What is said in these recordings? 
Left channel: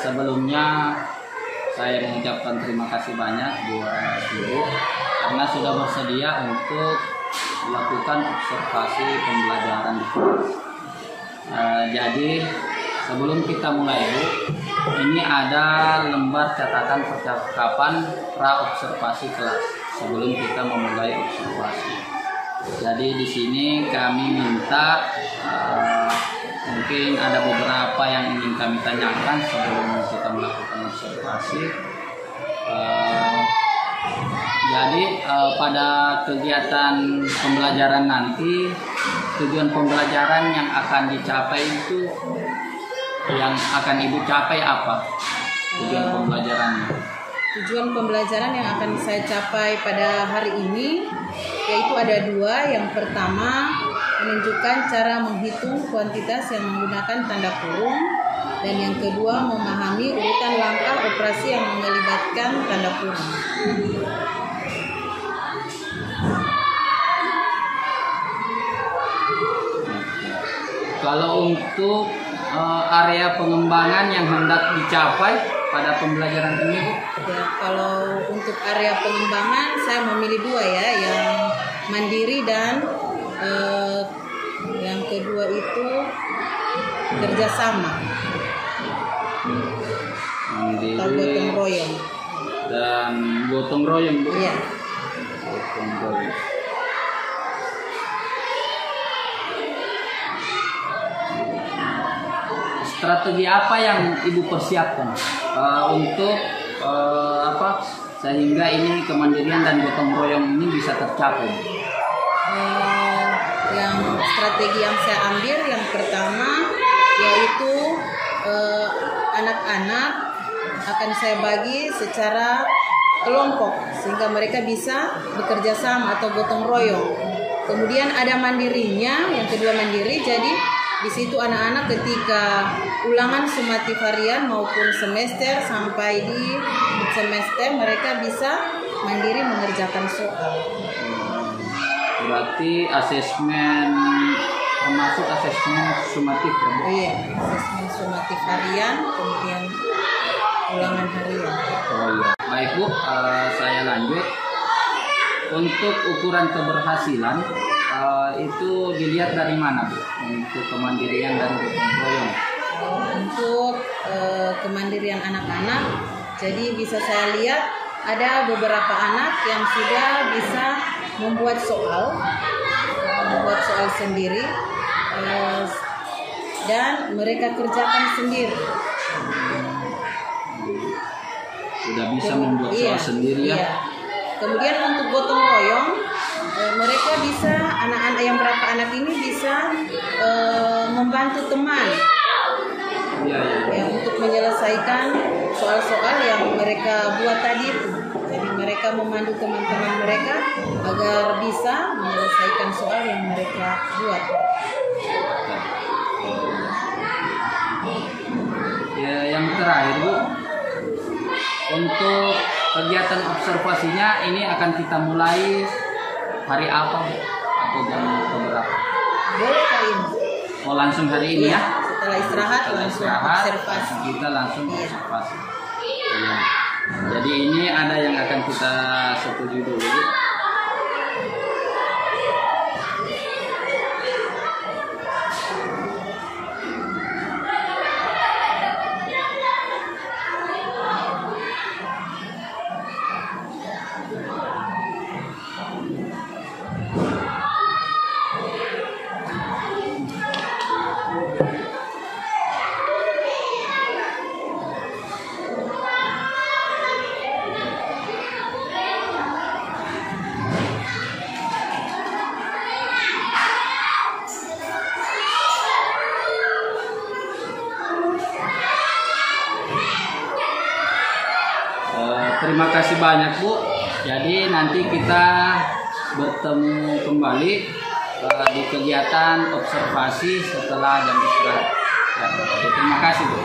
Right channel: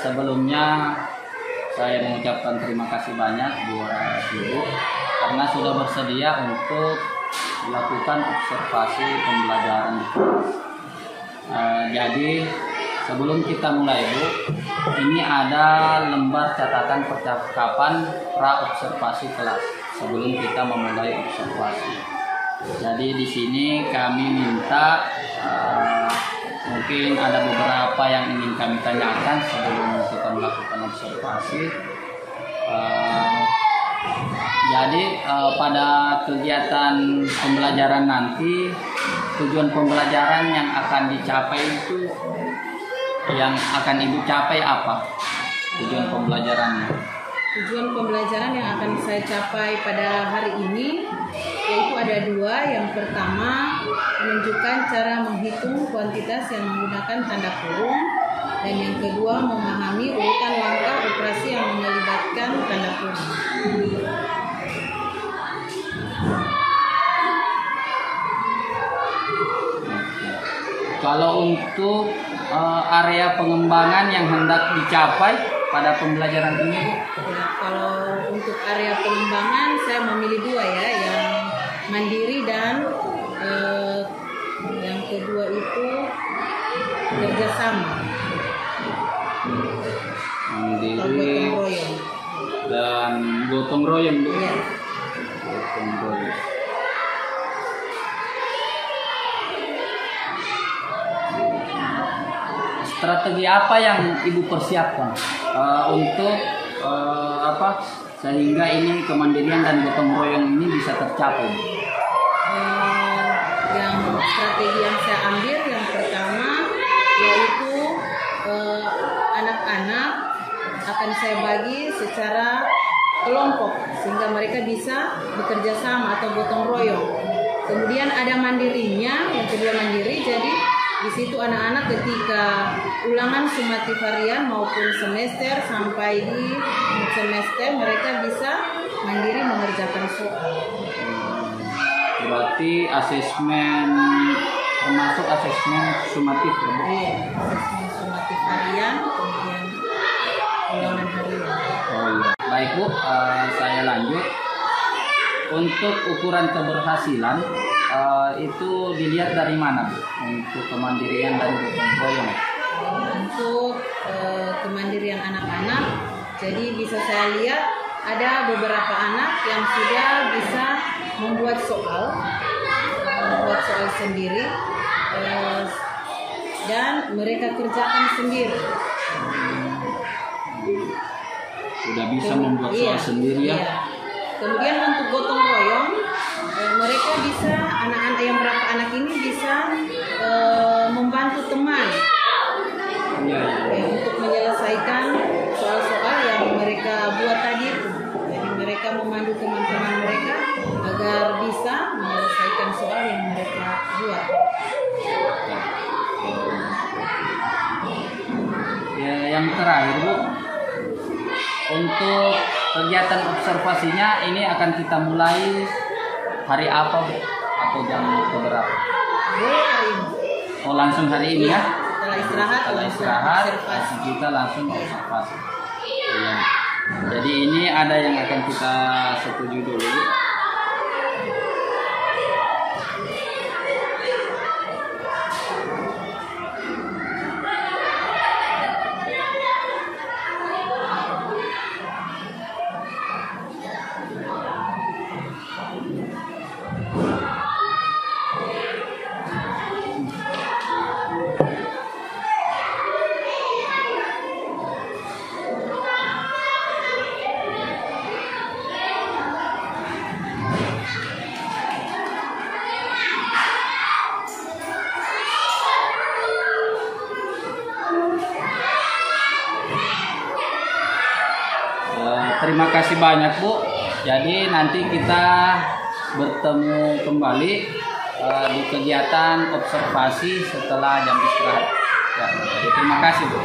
Sebelumnya saya mengucapkan terima kasih banyak buat Ibu karena sudah bersedia untuk melakukan observasi pembelajaran di kelas. Jadi sebelum kita mulai Bu, ini ada lembar catatan percakapan pra observasi kelas sebelum kita memulai observasi. Jadi di sini kami minta mungkin ada beberapa yang ingin kami tanyakan sebelum kita melakukan observasi. Jadi pada kegiatan pembelajaran nanti, tujuan pembelajaran yang akan dicapai itu, yang akan Ibu capai apa? Tujuan pembelajarannya? Tujuan pembelajaran yang akan saya capai pada hari ini yaitu ada dua. Yang pertama, menunjukkan cara menghitung kuantitas yang menggunakan tanda kurung, dan yang kedua, memahami urutan langkah operasi yang melibatkan tanda kurung. Kalau untuk area pengembangan yang hendak dicapai pada pembelajaran ini, Bu? Ya, kalau untuk area pengembangan saya memilih dua ya, yang mandiri dan yang kedua itu kerjasama. Mandiri atau gotong royong. Dan gotong royong, Bu. Ya. Gotong royong. Strategi apa yang Ibu persiapkan untuk sehingga ini kemandirian dan gotong royong ini bisa tercapai? Yang strategi yang saya ambil yang pertama yaitu anak-anak akan saya bagi secara kelompok sehingga mereka bisa bekerja sama atau gotong royong. Kemudian ada mandirinya, yang kedua mandiri. Jadi di situ anak-anak ketika ulangan sumatif harian maupun semester sampai di semester mereka bisa mandiri mengerjakan soal. Berarti asesmen termasuk asesmen sumatif, ya, Bu? Iya, asesmen sumatif harian, kemudian ulangan harian. Oh iya. Baik Bu, saya lanjut. Untuk ukuran keberhasilan itu dilihat dari mana, Bu? Untuk kemandirian dan gotong royong. Untuk kemandirian anak-anak, jadi bisa saya lihat ada beberapa anak yang sudah bisa membuat soal sendiri dan mereka kerjakan sendiri. Sudah bisa membuat soal sendiri ya? Iya. Kemudian untuk gotong royong, mereka bisa, anak-anak yang berapa anak ini bisa membantu teman untuk menyelesaikan soal-soal yang mereka buat tadi itu. Jadi mereka memandu teman-teman mereka agar bisa menyelesaikan soal yang mereka buat. Ya, yang terakhir Bu, untuk kegiatan observasinya ini akan kita mulai hari apa, Bu? Atau jam berapa? Boleh hari ini. Oh, langsung hari ini ya? Setelah istirahat observasi. Kita langsung observasi. Ya. Jadi ini ada yang akan kita setujui dulu, Bu. Terima kasih banyak Bu. Jadi nanti kita bertemu kembali di kegiatan observasi setelah jam istirahat. Terima kasih Bu.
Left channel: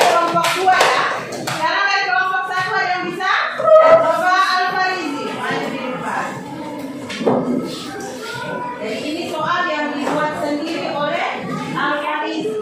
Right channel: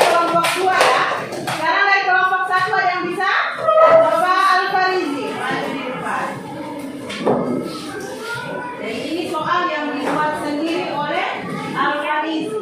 Kelompok 2 ya. Sekarang dari kelompok 1 ada yang bisa? Coba Al-Farizi maju di depan. Jadi ini soal yang dibuat sendiri oleh Al-Farizi.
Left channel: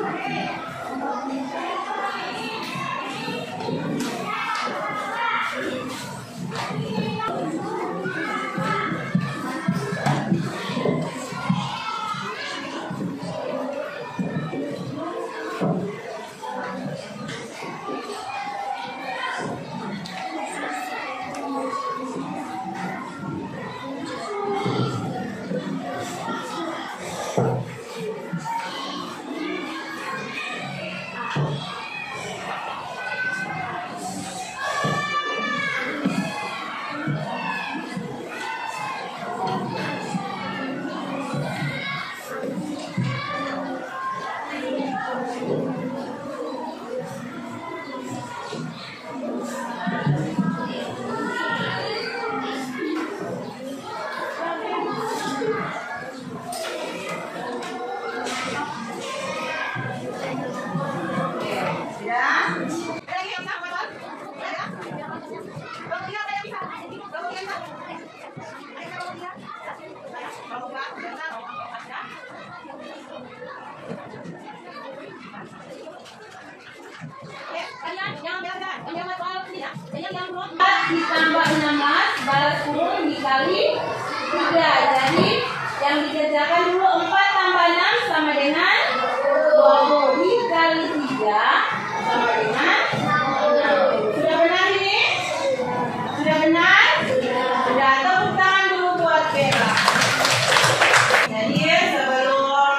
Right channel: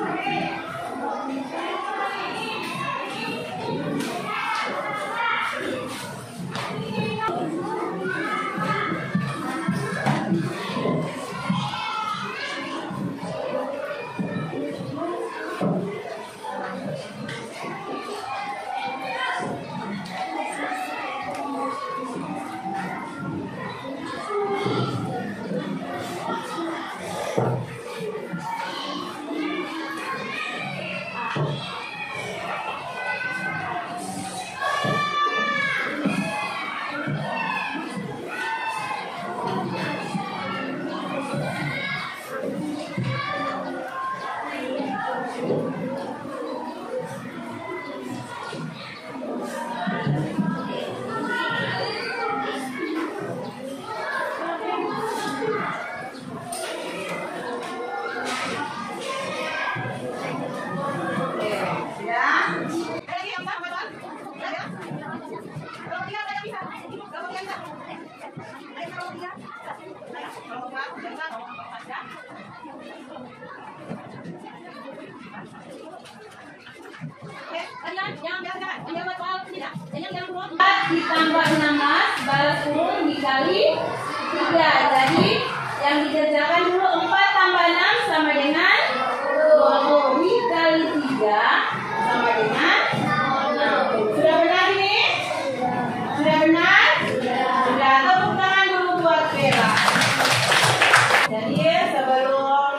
Ditambah 16 balas 10 dikali 3. Jadi yang dikerjakan dulu 4 tambah 6 sama dengan 20 dikali 3 sama dengan 20. Sudah benar ini? Sudah benar? Sudah. Tepuk tangan dulu buat Bella. Jadi sebelum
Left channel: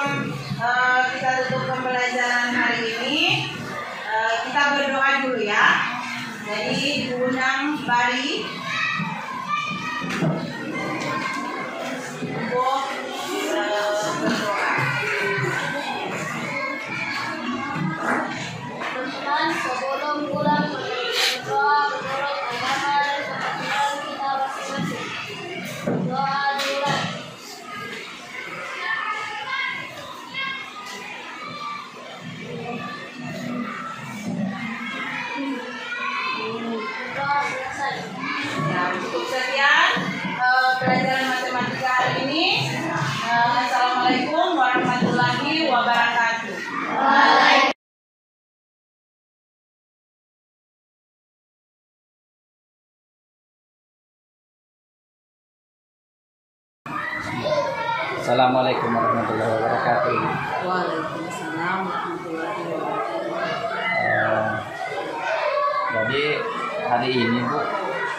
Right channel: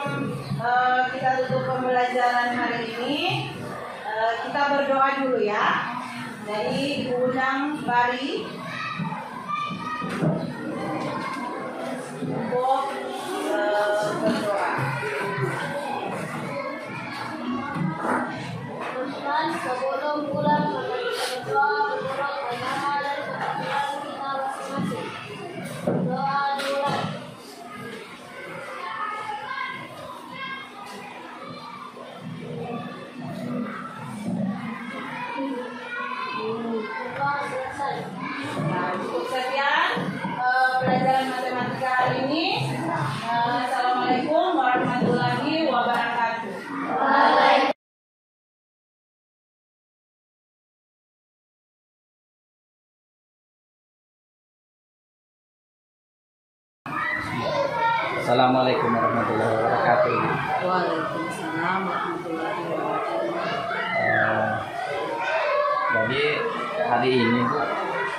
kita tutup pembelajaran hari ini, kita berdoa dulu ya. Jadi diundang Bari. Assalamualaikum warahmatullahi wabarakatuh. Waalaikumsalam warahmatullahi wabarakatuh. Jadi hari ini Bu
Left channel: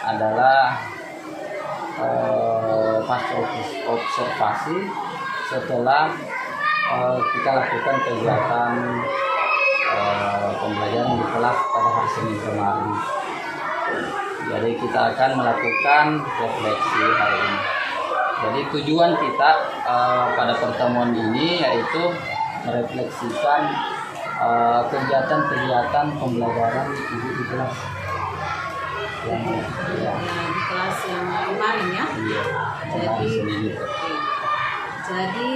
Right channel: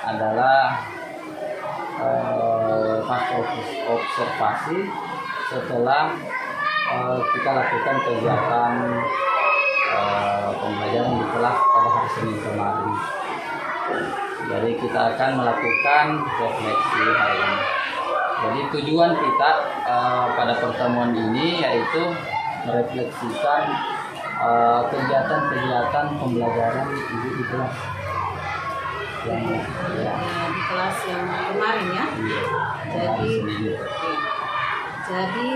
adalah pas observasi setelah kita lakukan kegiatan pembelajaran di kelas pada hari Senin kemarin. Jadi kita akan melakukan refleksi hari ini. Jadi tujuan kita pada pertemuan ini yaitu merefleksikan kegiatan-kegiatan pembelajaran ibu di kelas. Di kelas yang kemarin ya. Iya, jadi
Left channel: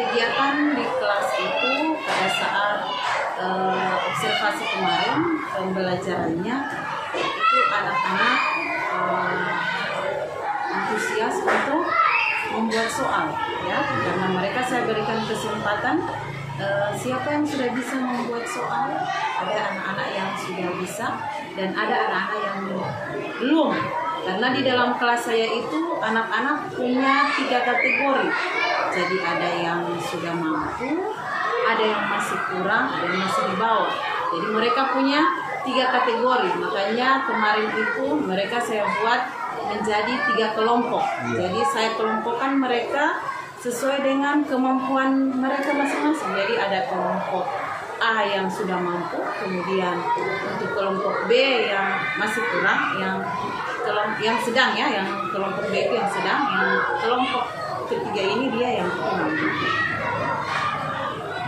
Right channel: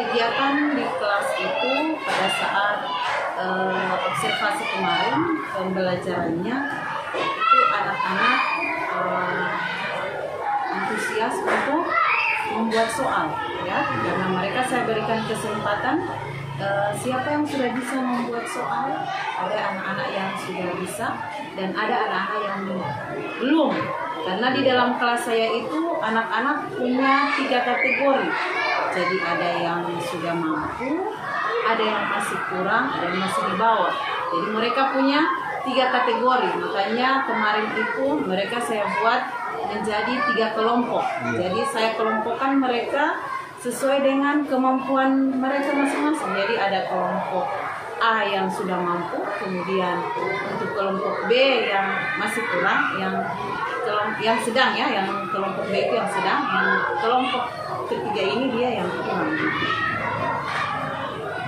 kegiatan di kelas itu pada saat observasi kemarin pembelajarannya itu anak-anak antusias untuk membuat soal ya, karena mereka saya berikan kesempatan siapa yang sudah bisa membuat soal. Ada anak-anak yang sudah bisa dan ada anak-anak yang belum, karena di dalam kelas saya itu anak-anak punya 3 kategori. Jadi ada yang sudah mampu, ada yang masih kurang, ada yang masih di bawah. Jadi mereka punya 3 kategori. Makanya kemarin itu mereka saya buat menjadi 3 kelompok. Jadi saya kelompokkan mereka sesuai dengan kemampuan mereka masing-masing. Jadi ada kelompok A yang sudah mampu, kemudian untuk kelompok B yang masih kurang, yang sedang ya, yang kelompok B itu yang sedang, yang kelompok ketiga ini dia yang kurang.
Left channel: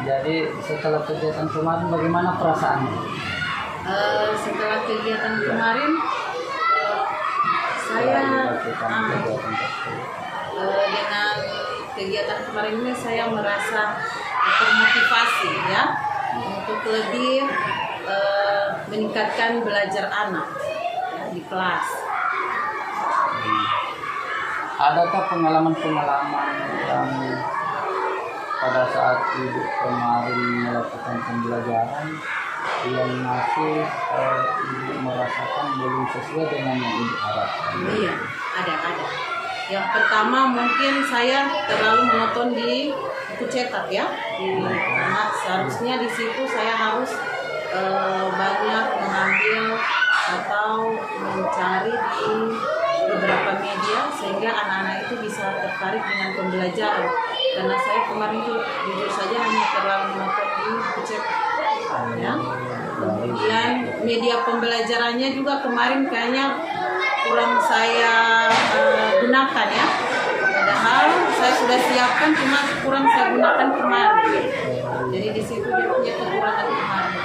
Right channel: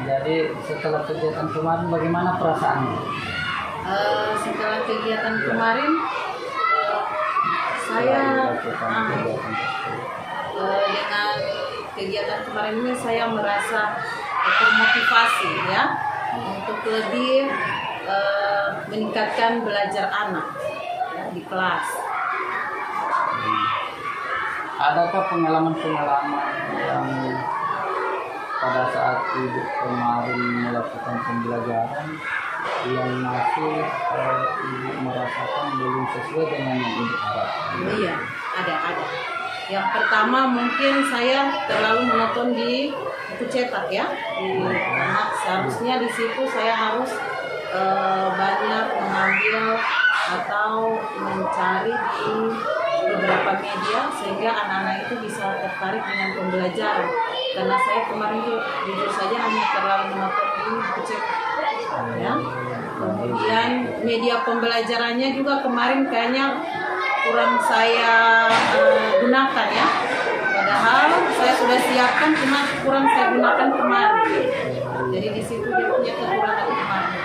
Jadi setelah kegiatan kemarin bagaimana perasaannya? Setelah kegiatan kemarin saya dengan kegiatan kemarin ini saya merasa termotivasi ya untuk lebih meningkatkan belajar anak ya, di kelas. Adakah pengalaman-pengalaman yang pada saat ibu kemarin melakukan pembelajaran yang masih ibu merasakan belum sesuai dengan yang ibu harapkan? Iya, ada. Yang pertama mungkin saya terlalu monoton di buku cetak ya, karena seharusnya di situ saya harus banyak mengambil atau mencari di beberapa media sehingga anak-anak itu bisa tertarik dengan pembelajaran. Karena saya kemarin itu jujur saja hanya terlalu monoton di buku cetak ya. Kemudian media pembelajarannya juga kemarin kayaknya kurang saya gunakan ya. Padahal saya sudah siapkan, cuma kurang saya gunakan kemarin. Jadi di situ dia punya kekurangan kemarin.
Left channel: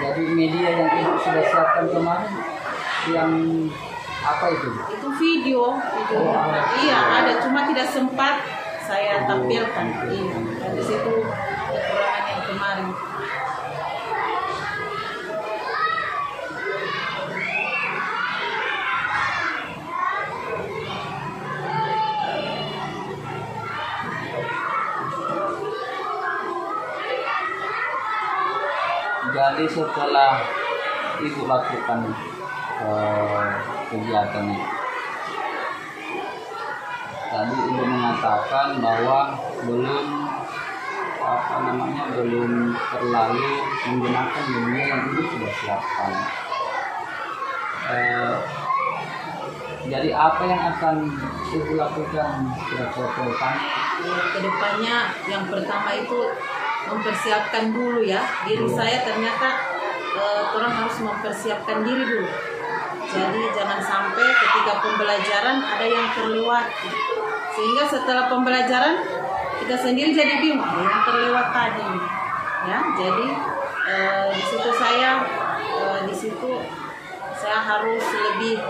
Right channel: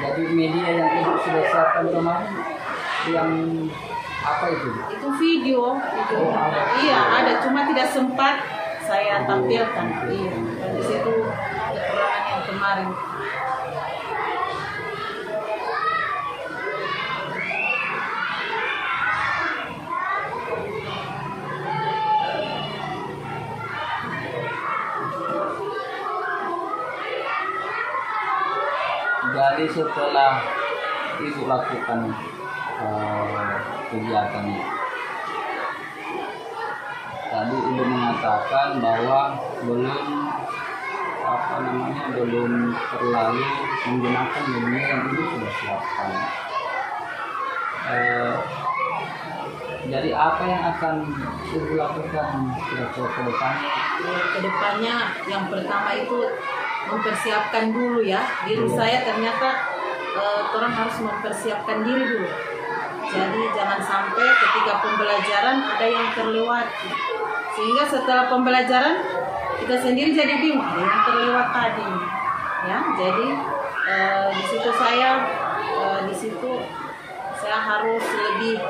Jadi media yang ibu sudah siapkan kemarin yang apa itu? Itu video. Iya ada, cuma tidak sempat saya tampilkan. Iya, dan di situ kekurangan yang kemarin. Jadi setelah ibu lakukan kegiatan ini, tadi ibu mengatakan bahwa belum terlalu menggunakan media yang ibu sudah siapkan. Jadi apa yang akan ibu lakukan ke depan? Ke depannya yang pertama itu mempersiapkan dulu ya diri saya. Ternyata orang harus mempersiapkan diri dulu. Jadi jangan sampai ketika pembelajaran ada yang terlewati, sehingga setelah pembelajaran kita sendiri jadi bingung ada yang terlewat tadi ya. Jadi di situ saya harus lebih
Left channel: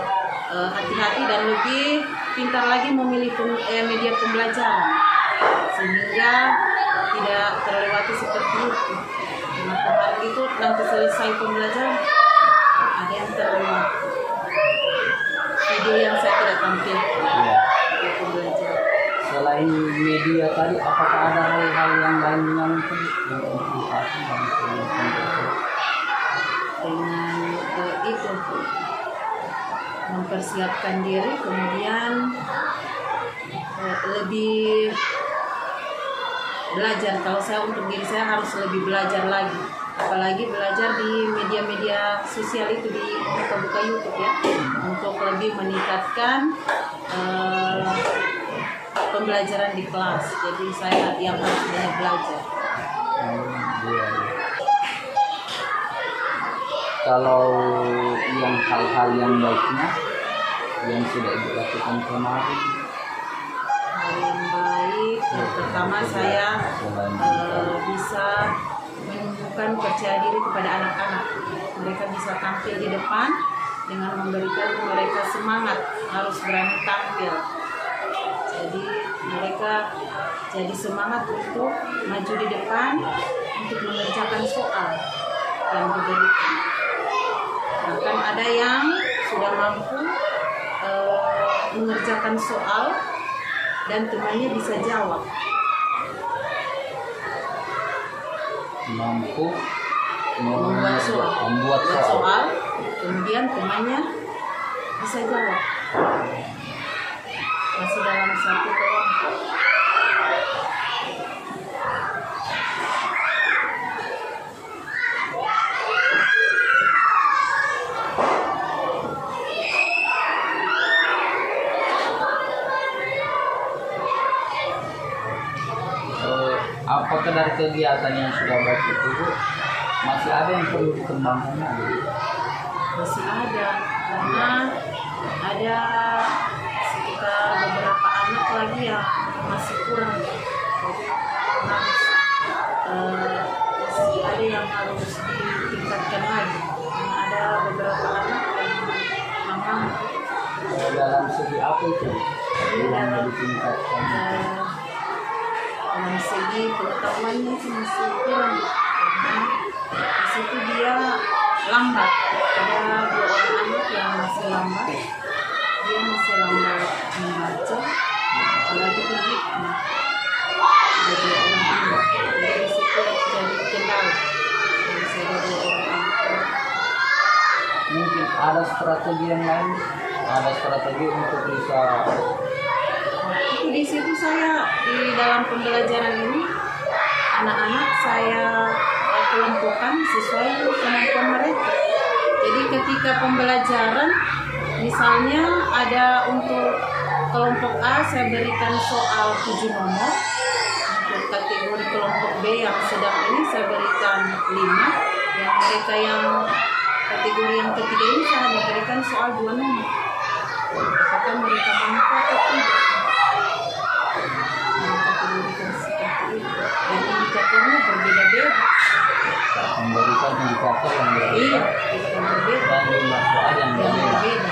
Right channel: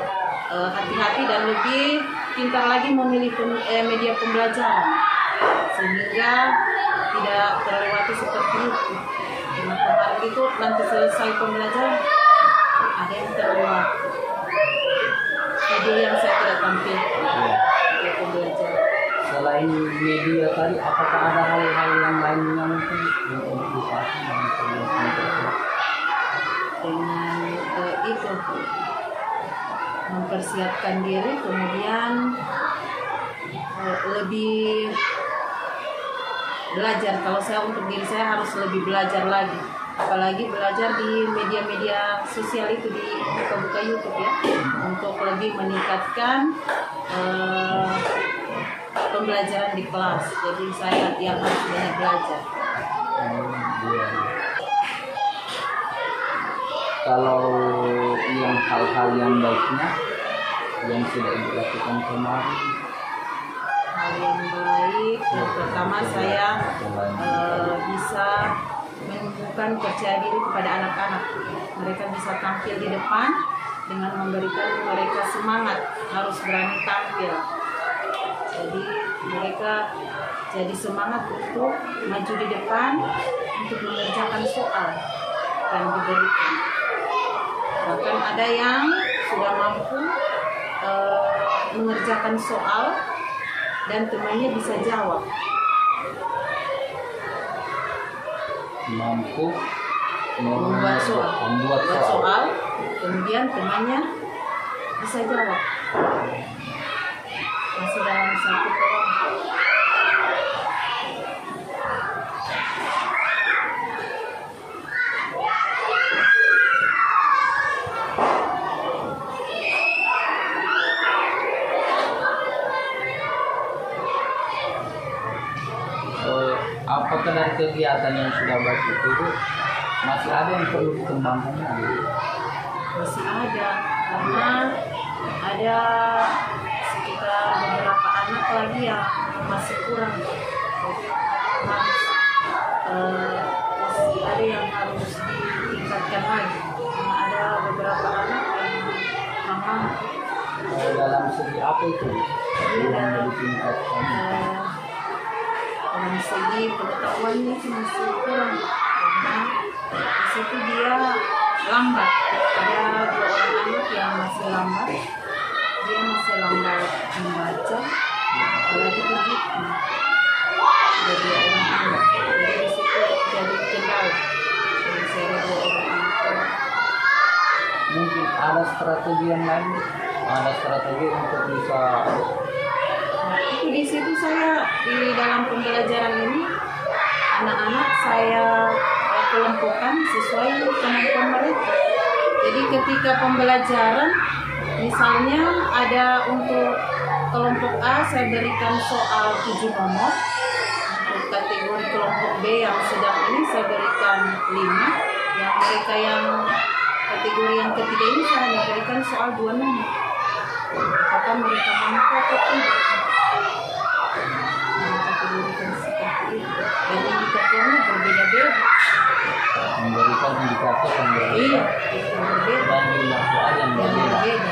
hati-hati dan lebih pintar lagi memilih media pembelajaran sehingga tidak terlewati seperti itu. Karena kemarin itu nanti selesai pembelajaran ada yang terlewat, video yang saya tidak tampilkan di pembelajaran. Selain media tadi, apakah ada hal-hal yang lain yang mungkin diedukasi dengan itu mempersiapkan diri, kemudian lebih belajar. Kalau saya untuk diri saya harus lebih belajar lagi, apalagi belajar di media-media sosial itu, di buka-buka YouTube ya, untuk lebih meningkatkan pembelajaran di kelas. Jadi saya yang harus banyak belajar. Iya. Kalau yang hal-hal yang baiknya yang sudah Ibu lakukan kemarin, Hal yang baik, yang pertama saya bisa menumbuhkan percaya diri kepada anak-anak. Mereka bisa tampil di depan dengan memberikan mereka semangat, harus berani tampil. Jadi mereka jadi semangat untuk maju di depan, untuk mengerjakan soal yang diberikan. Bahkan ada yang sudah mampu mengerjakan soal dan temannya bisa jawab. mampu Membuat soal, kemudian temannya bisa jawab. Masih dalam satu kelompok. Apakah dari kegiatan yang sudah baik itu Bu, masih ada yang perlu dikembangkannya Bu? Masih ada, karena ada sekitar beberapa anak lagi yang masih kurang. Jadi masih ada yang harus ditingkatkan lagi. Karena ada beberapa anak yang memang Dalam segi apa itu yang ditingkatkan? dalam segi pengetahuannya sih masih kurang, karena di situ dia lambat. Ada 2 orang anak yang masih lambat, dia masih lambat membaca, apalagi berhitung. Ada 2 orang anak, jadi di situ jadi kendala. Jadi saya ada 2 orang anak. Mungkin ada strategi yang lain, ada strategi untuk bisa. Itu di situ saya di dalam pembelajaran ini anak-anak saya kelompokkan sesuai kemampuan mereka. Jadi ketika pembelajaran misalnya ada untuk kelompok A saya berikan soal 7 nomor, untuk kategori kelompok B yang sedang ini saya berikan 5, yang mereka yang kategori yang ketiga ini saya hanya berikan soal 2 nomor. Apakah mereka mampu atau tidak? Kategorikan seperti itu, dan indikatornya berbeda-beda. Memberikan indikator yang berbeda. Iya, yang berbeda. Dan jumlah soal yang berbeda.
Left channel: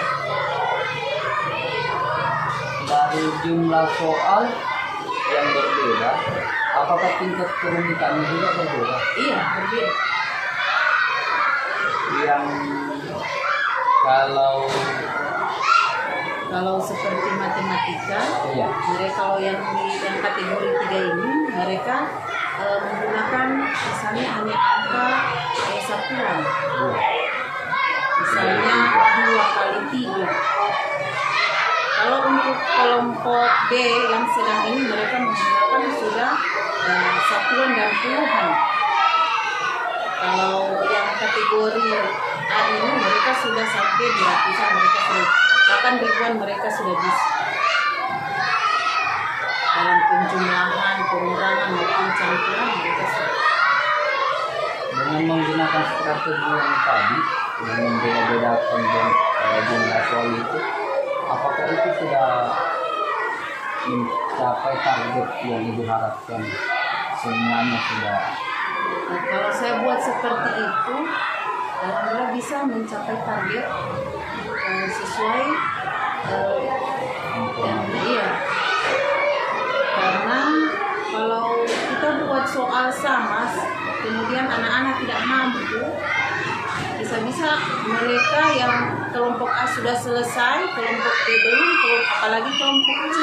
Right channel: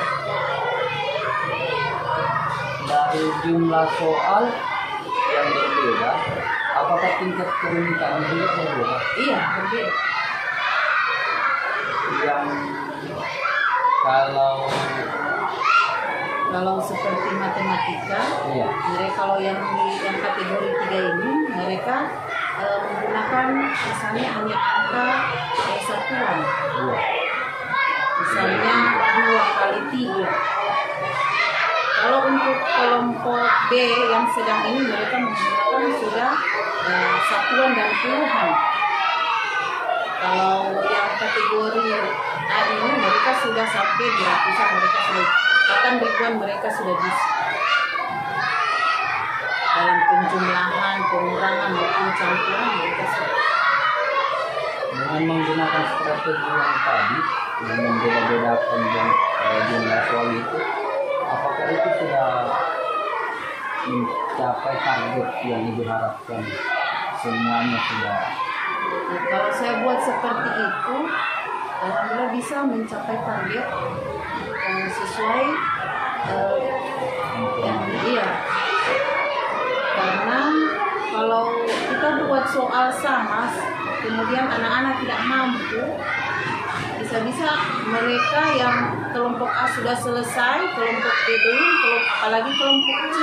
Dari jumlah soal yang berbeda, apakah tingkat kerumitannya juga berbeda? Iya, berbeda. Yang kalau seperti matematika, iya, mereka kalau yang kategori 3 ini mereka menggunakan misalnya hanya angka satuan. iya. Misalnya 2 kali 3. Kalau untuk kelompok B yang sedang ini mereka menggunakan sudah satuan dan puluhan. Kalau yang kategori A ini mereka sudah sampai di ratusan, mereka sudah bahkan ribuan mereka sudah bisa. Dalam penjumlahan, pengurangan maupun campuran mereka sudah. Dengan menggunakan strategi yang tadi, yang membeda-bedakan jumlah soal itu, apakah itu sudah mencapai target yang diharapkan? Semuanya sudah. Nah, kalau saya buat seperti itu, alhamdulillah bisa mencapai target yang sesuai iya. Karena kalau kita buat soal sama, kemudian anak-anak tidak mampu, bisa-bisa mereka yang kelompok A sudah selesai, kelompok B belum, apalagi kelompok C.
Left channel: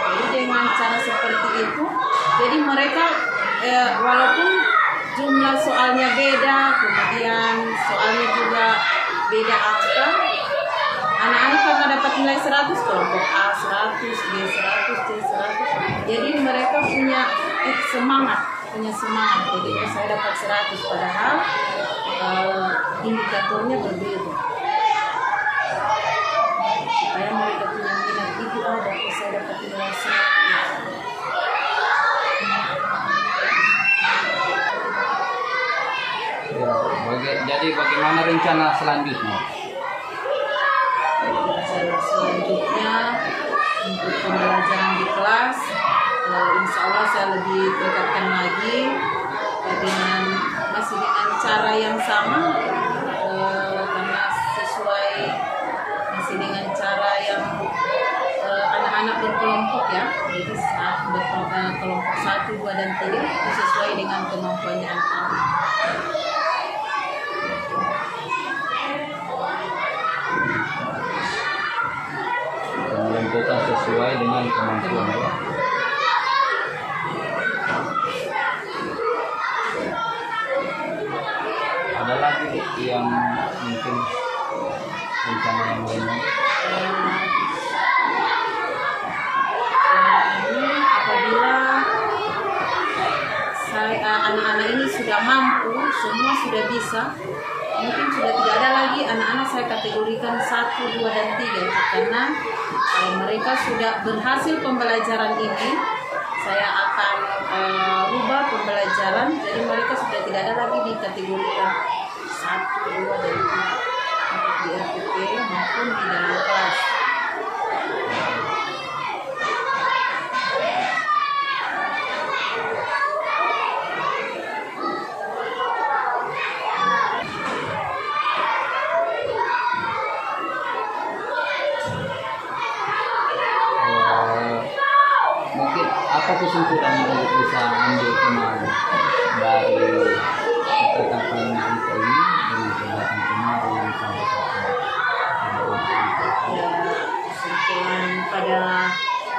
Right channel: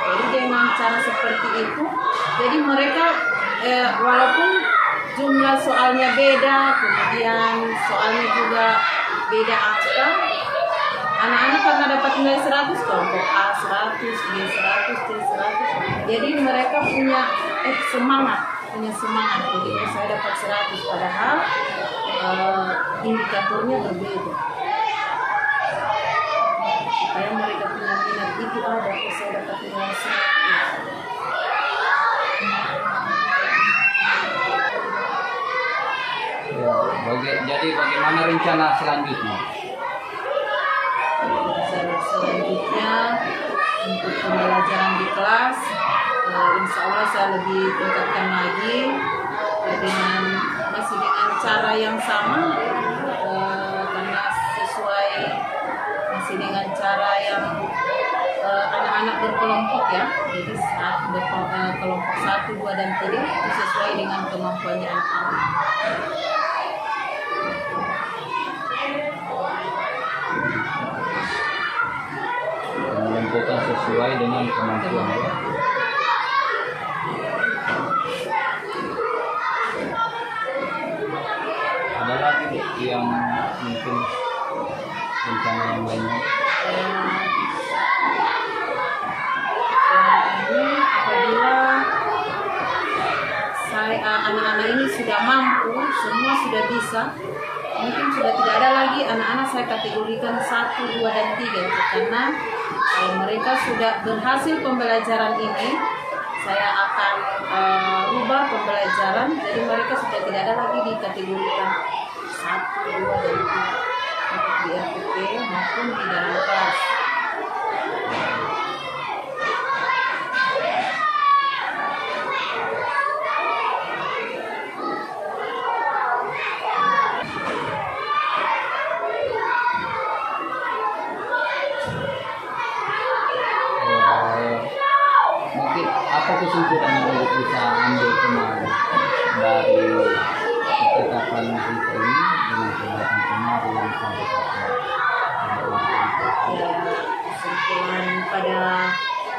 Jadi dengan cara seperti itu, jadi mereka walaupun jumlah soalnya beda, kemudian soalnya juga beda angka, anak-anak karena dapat nilai 100, kelompok A 100, B 100, C 100. Jadi mereka punya semangat. Jadi saya dapat 100 padahal indikatornya berbeda. Supaya mereka punya minat itu ada, saya dapat nilai 100. Jadi bagaimana rencana selanjutnya? Selanjutnya untuk pembelajaran di kelas, insya Allah saya lebih tingkatkan lagi masih dengan cara yang sama, karena masih dengan cara yang anak-anak berkelompok ya. Jadi kelompok 1, 2, dan 3 itu sesuai dengan kemampuannya anak-anak. Menentukan sesuai dengan kemampuan. Ada lagi yang mungkin rencana yang lainnya? Ini apabila anak-anak ini sudah mampu, semua sudah bisa, mungkin sudah tidak ada lagi anak-anak saya kategorikan 1, 2, dan 3, karena kalau mereka sudah berhasil pembelajaran ini, saya akan rubah pembelajaran, jadi mereka sudah tidak ada lagi dikategorikan 1, 2, dan 3 untuk di RPP maupun di dalam kelas. Mungkin apa kesimpulan yang bisa ambil kemarin dari ketetapan kita ini dengan kegiatan kemarin sampai sekarang?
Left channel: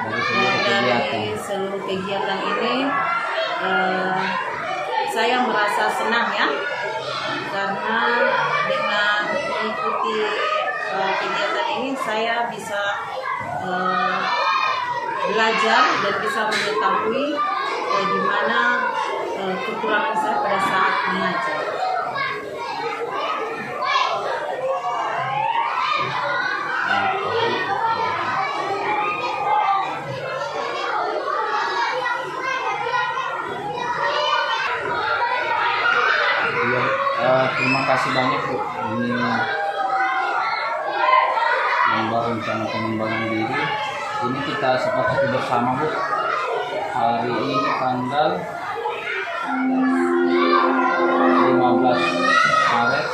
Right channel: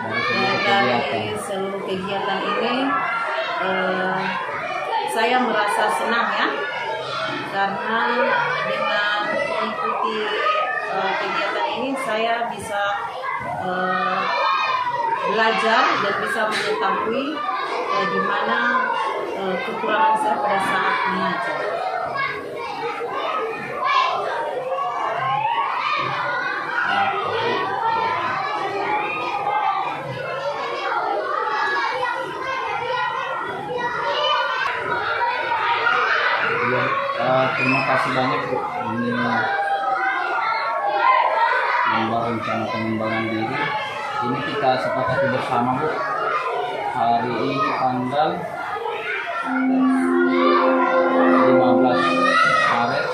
Kesimpulan dari seluruh kegiatan ini, saya merasa senang ya, karena dengan mengikuti kegiatan ini saya bisa belajar dan bisa mengetahui di mana kekurangan saya pada saat mengajar. Terima kasih banyak Bu. Ini membuat rencana pengembangan diri. Ini kita sepakati bersama Bu. Hari ini tanggal 15 Maret.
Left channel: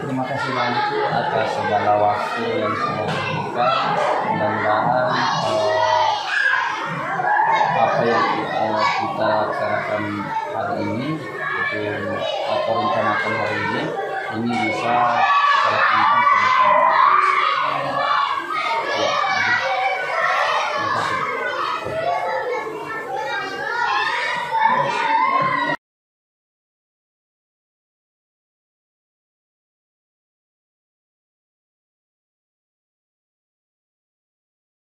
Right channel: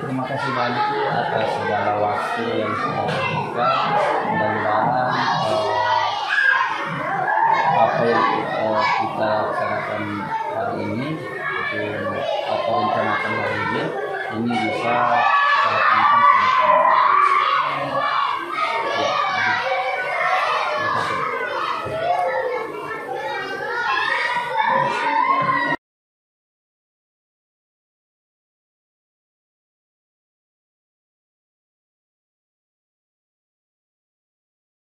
Terima kasih banyak Bu atas segala waktu yang sudah diberikan. Mudah-mudahan apa yang kita laksanakan hari ini atau rencanakan hari ini bisa kita lakukan ke depan.